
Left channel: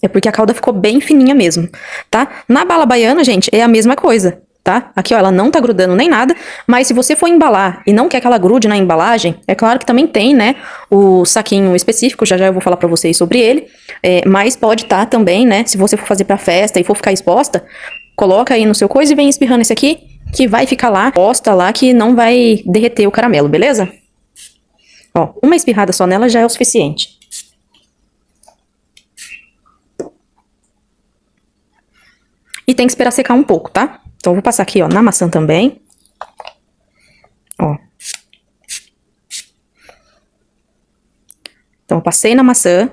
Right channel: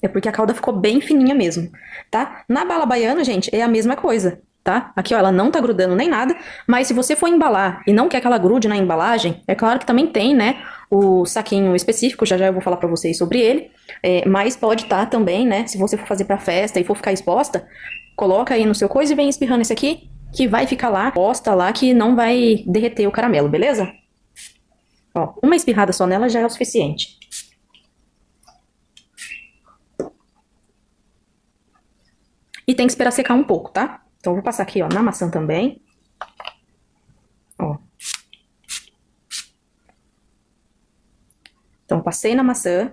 É porque a calda ficou bem fininha mesmo, tá? Na bala baiana, gente, é a mesma coisa. Tá? Aqui, ó, ela não tá grudando nem nada, mas se você for embalar e não quer que ela grude na embalagem, é claro que também tem, né, o saquinho específico, já já eu vou falar pra vocês sobre ele, mas pode tá também, né, se você for fazer pra festa e for ficar exposta, coloca aí no seu coisa e vem espirrando esse aqui, que vai ficar lá, posta lá, que não vai derreter o caramelo, beleza? Ó, uma espirrada só nela já é o suficiente. E tem que esperar secar um pouco, tá? Então, eu vou passar aqui, ó, na maçã também. Ó. Então, eu passei na maçã,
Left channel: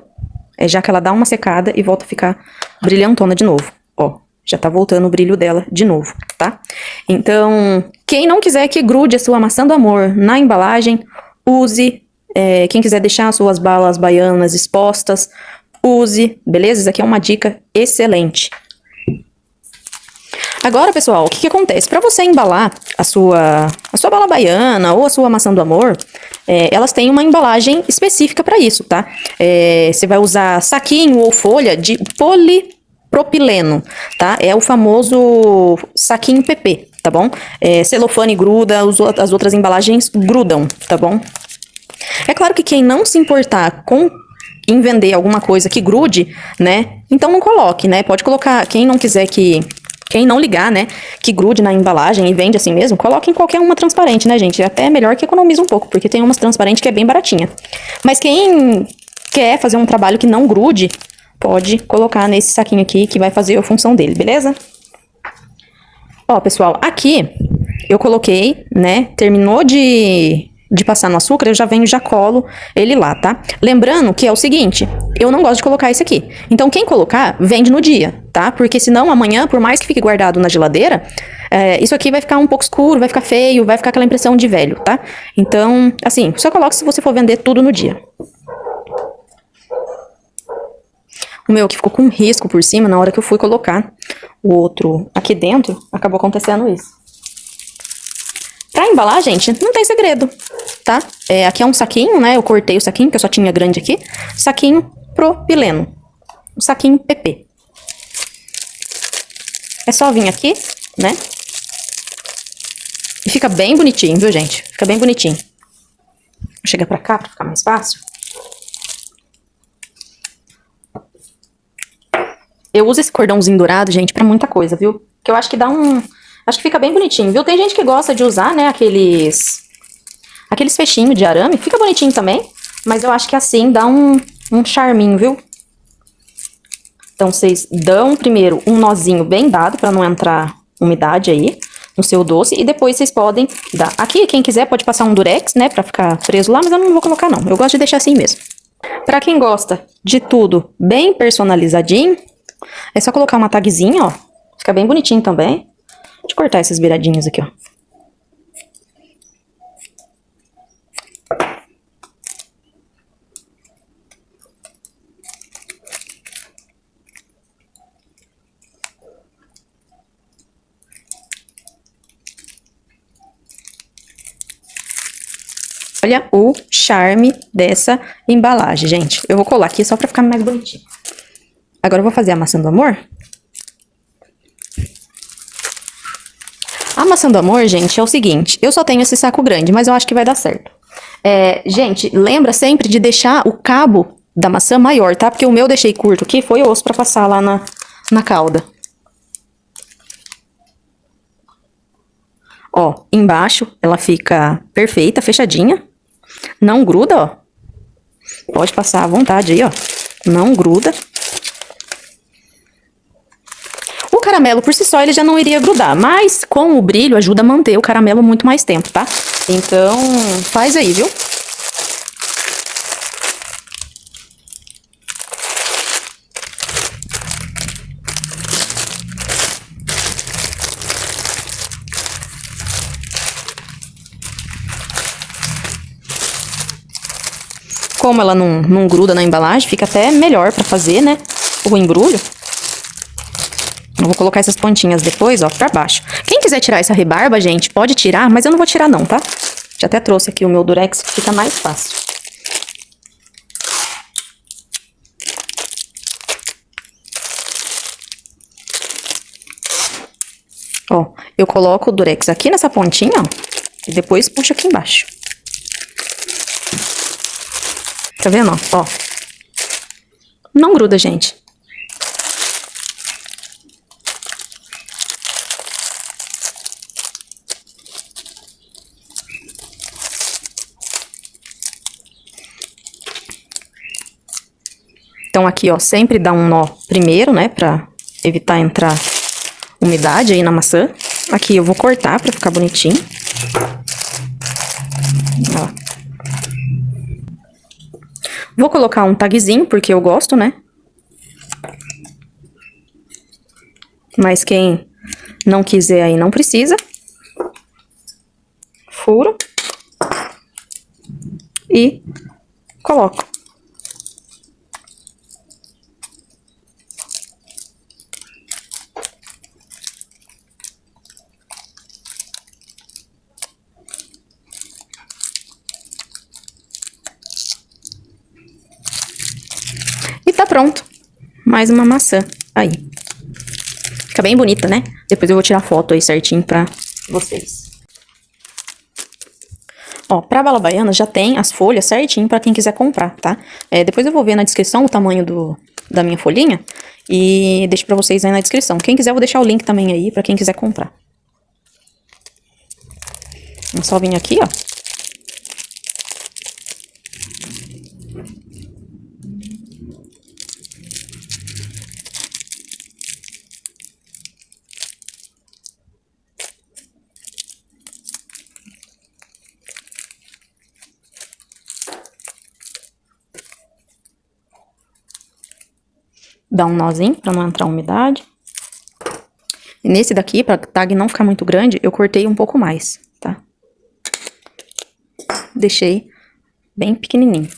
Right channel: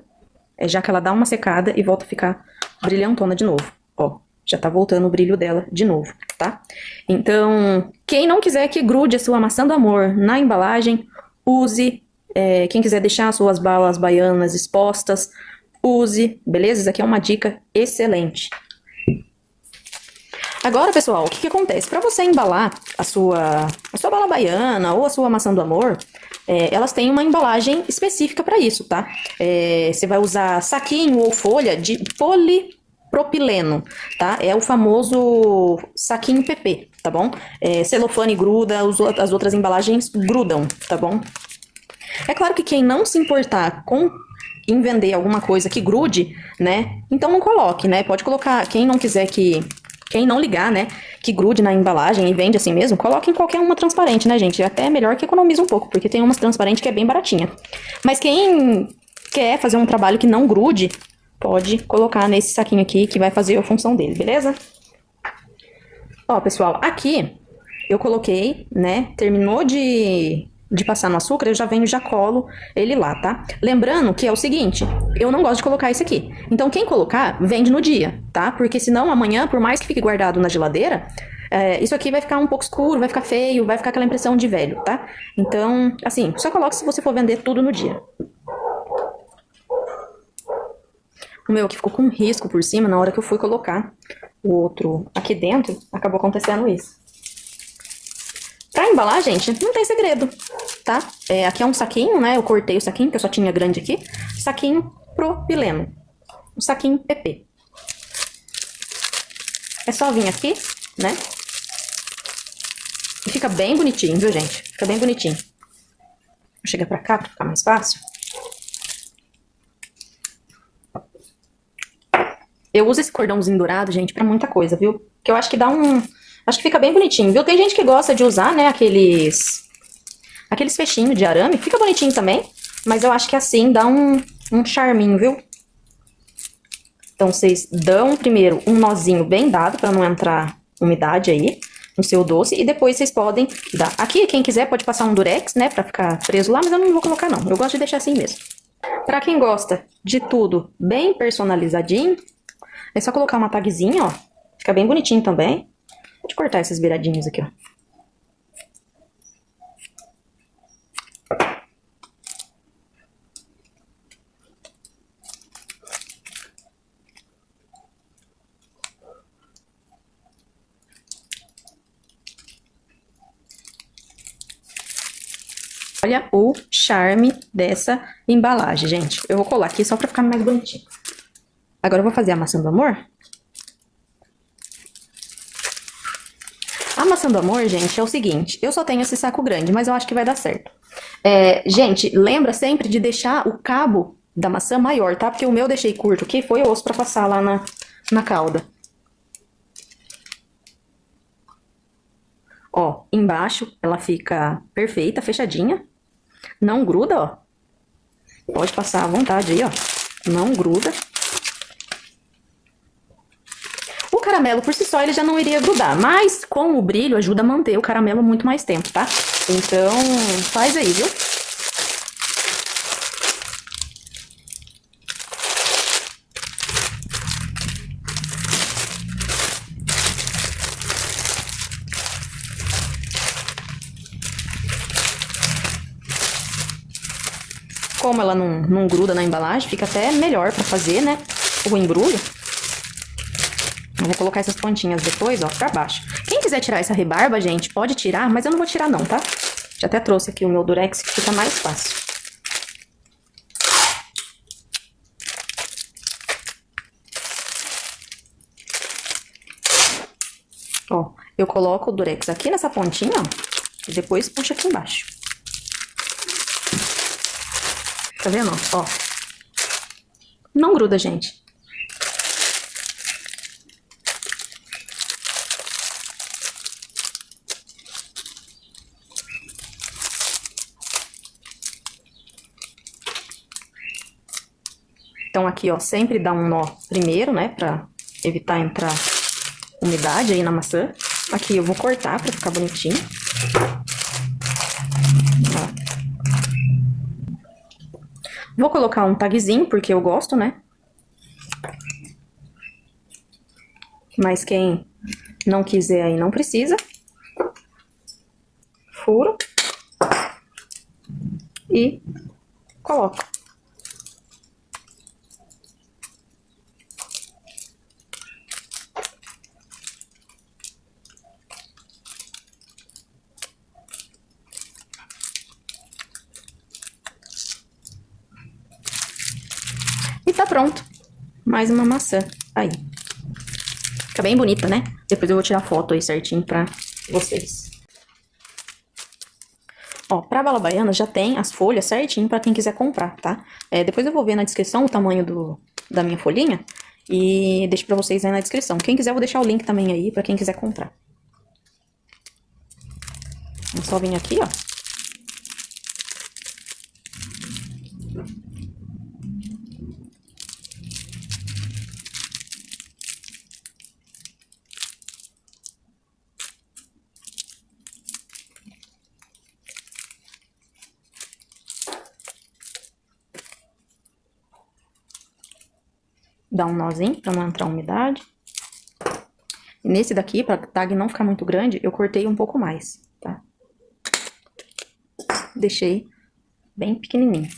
já que ela dá uma secada e volta a ficar brilhantona de novo. Ó, já tá voltando o brilho dela de novo, tá? Então, quem não quiser que grude a sua maçã do amor na embalagem, use. Quem quiser deixar as suas balas baianas expostas, use, beleza? Isso aqui é uma dica excelente. Agora, pessoal, o que que acontece? Para você embalar a sua bala baiana ou a sua maçã do amor, elas têm uma embalagem específica para isso, tá? Você vai usar saquinho ou folha de polipropileno, tá? É o famoso saquinho PP, tá bom? Celofane gruda, as outras embalagens grudam, tá bom? É claro que quem não se importar com em vender alguma coisa que grude, né? Então não coloque, né? Pode colocar, quem não ligar, né, que grude na embalagem e vende assim mesmo, coloque em qualquer uma transparente, né, gente? Até é melhor que economiza um pouco, porque tem umas transparentes que é bem baratinha. Mas quem quer fazer um trabalho que não grude, pode colocar nesse saquinho aqui que vai fazer a função dele, beleza? Ó, pessoal, aqui eu coloquei, né? Terminou de passar no açúcar, eu já venho e já colo ele lá, tá? Lembrando que é o seguinte, eu não gosto de colocar esse aqui. Então, quem colocar, vende no dia, tá? Porque senão amanhã, por mais que fique guardado na geladeira, isso aqui vai ficar um pouco escuro, vai ficar feio, vai ficar aquela impressão de velho, tá? Então, assim, só coloque se você for vender tudo no dia. O meu que ficou com um risco por cima, na hora que eu fui colocar o outro aqui dentro, acabou acontecendo isso. Pra embalar, gente, não tem segredo, tá? Aqui é um saquinho, né? Eu cortei o saquinho, que eu só tinha grande aqui. Saquinho propileno. Um saquinho PP. É só vir aqui, né? E fica bem bonitinho, viu, gente? Fica bem bonitinho. Vou chegar pra cá pra ficar mais fácil. Eu uso esse cordãozinho dourado, gente, pra muita coisa, viu? Que eu acho que dá um... Acho que fica bem bonitinho, viu? Tem gente que gosta de usar, né, aqueles fechinhos de arame. Fica bonitinho também, mas eu acho que assim dá um charminho, viu? Então, vocês dão primeiro um nozinho bem dado pra não entrar umidade aí no seu doce. E depois vocês podem dar... Aqui, quem quiser pode passar um durex, né, pra ficar preso lá, mas eu não vou colocar, não. Eu gosto de deixar assim mesmo. Pra quem gosta de tudo bem personalizadinho, é só colocar uma tagzinha, ó. Fica bem bonitinho também. Vou cortar essas beiradinhas aqui, ó. Olha o charme dessa embalagem, gente. Eu vou colar aqui só pra ficar mais bonitinho. Agora eu vou fazer a maçã do amor. A maçã do amor, gente, é o seguinte. Eu só tenho esse saco grande, mas eu acho que vai dar certo. Gente, lembra sempre de deixar o cabo da maçã maior, tá? Porque o meu eu deixei curto aqui, foi osso pra passar lá na calda. Ó, embaixo ela fica perfeita, fechadinha. Não gruda, ó. Pode passar à vontade aí, ó. Não gruda. O caramelo por si só ele já não iria grudar, mas com o brilho ajuda a manter o caramelo muito mais tempo, tá? Então, faz aí, viu? Como ela não gruda na embalagem, fica até melhor pra fazer, né? O embrulho. Eu vou colocar essas pontinhas depois, ó, pra baixo. Quem quiser tirar essa rebarba, gente, pode tirar, mas eu não vou tirar não, tá? Já até trouxe aqui o meu durex, que fica mais fácil. Ó, eu coloco o durex aqui nessa pontinha, ó, e depois puxo aqui embaixo. Tá vendo, ó? Não gruda, gente. Então, aqui, ó, sempre dá um nó primeiro, né, pra evitar entrar umidade aí na maçã. Aqui eu vou cortar pra ficar bonitinho. Ó. Vou colocar um tagzinho, porque eu gosto, né? Mas quem não quiser aí, não precisa. Furo. E coloco. pronto. Mais uma maçã. Aí. Fica bem bonita, né? Depois eu vou tirar foto aí certinho pra vocês. Ó, pra bala baiana já tem as folhas certinho pra quem quiser comprar, tá? Depois eu vou ver na descrição o tamanho da minha folhinha e deixo pra vocês aí na descrição. Quem quiser, eu vou deixar o link também aí pra quem quiser comprar. É só vir aqui, ó. Dá um nozinho pra não entrar umidade. E nesse daqui, pra tag não ficar muito grande, eu cortei um pouco mais, tá? Deixei bem pequenininho.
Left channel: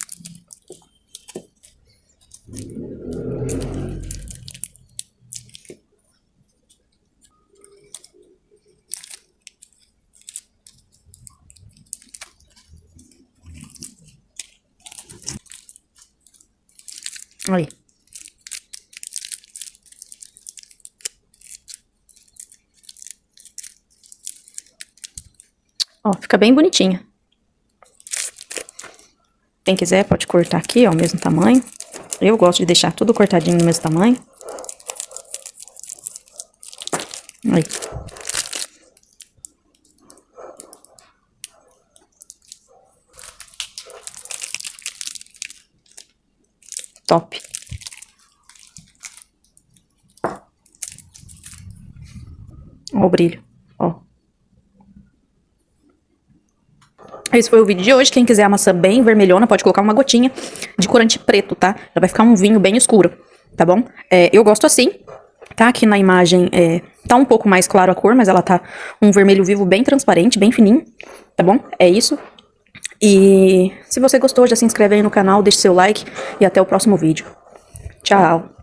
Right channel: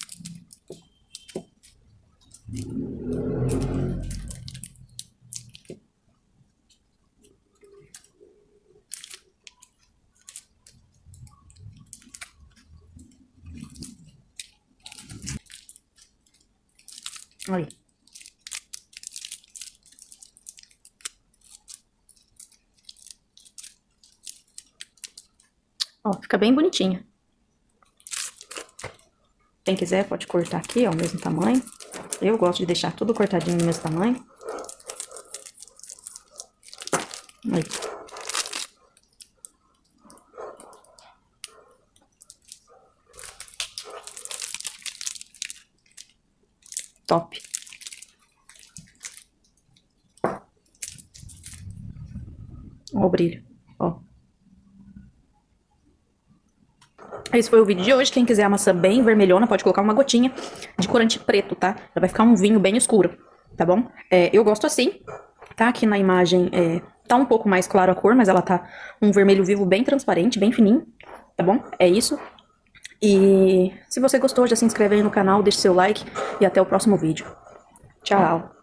Aí. Ó, fica bem bonitinha. Quem quiser pode cortar aqui, ó, o mesmo tamanho. Eu gosto de deixar tudo cortadinho no mesmo tamanho. Aí. Top. Ó o brilho, ó. Esse foi o vídeo de hoje. Quem quiser a maçã bem vermelhona, pode colocar uma gotinha de corante preto, tá? Já vai ficar um vinho bem escuro, tá bom? Eu gosto assim, tá? Aqui na imagem tá um pouco mais claro a cor, mas ela tá um vermelho vivo bem transparente, bem fininho, tá bom? É isso. E se você gostou, já se inscreve aí no canal, deixe seu like e até o próximo vídeo. Tchau!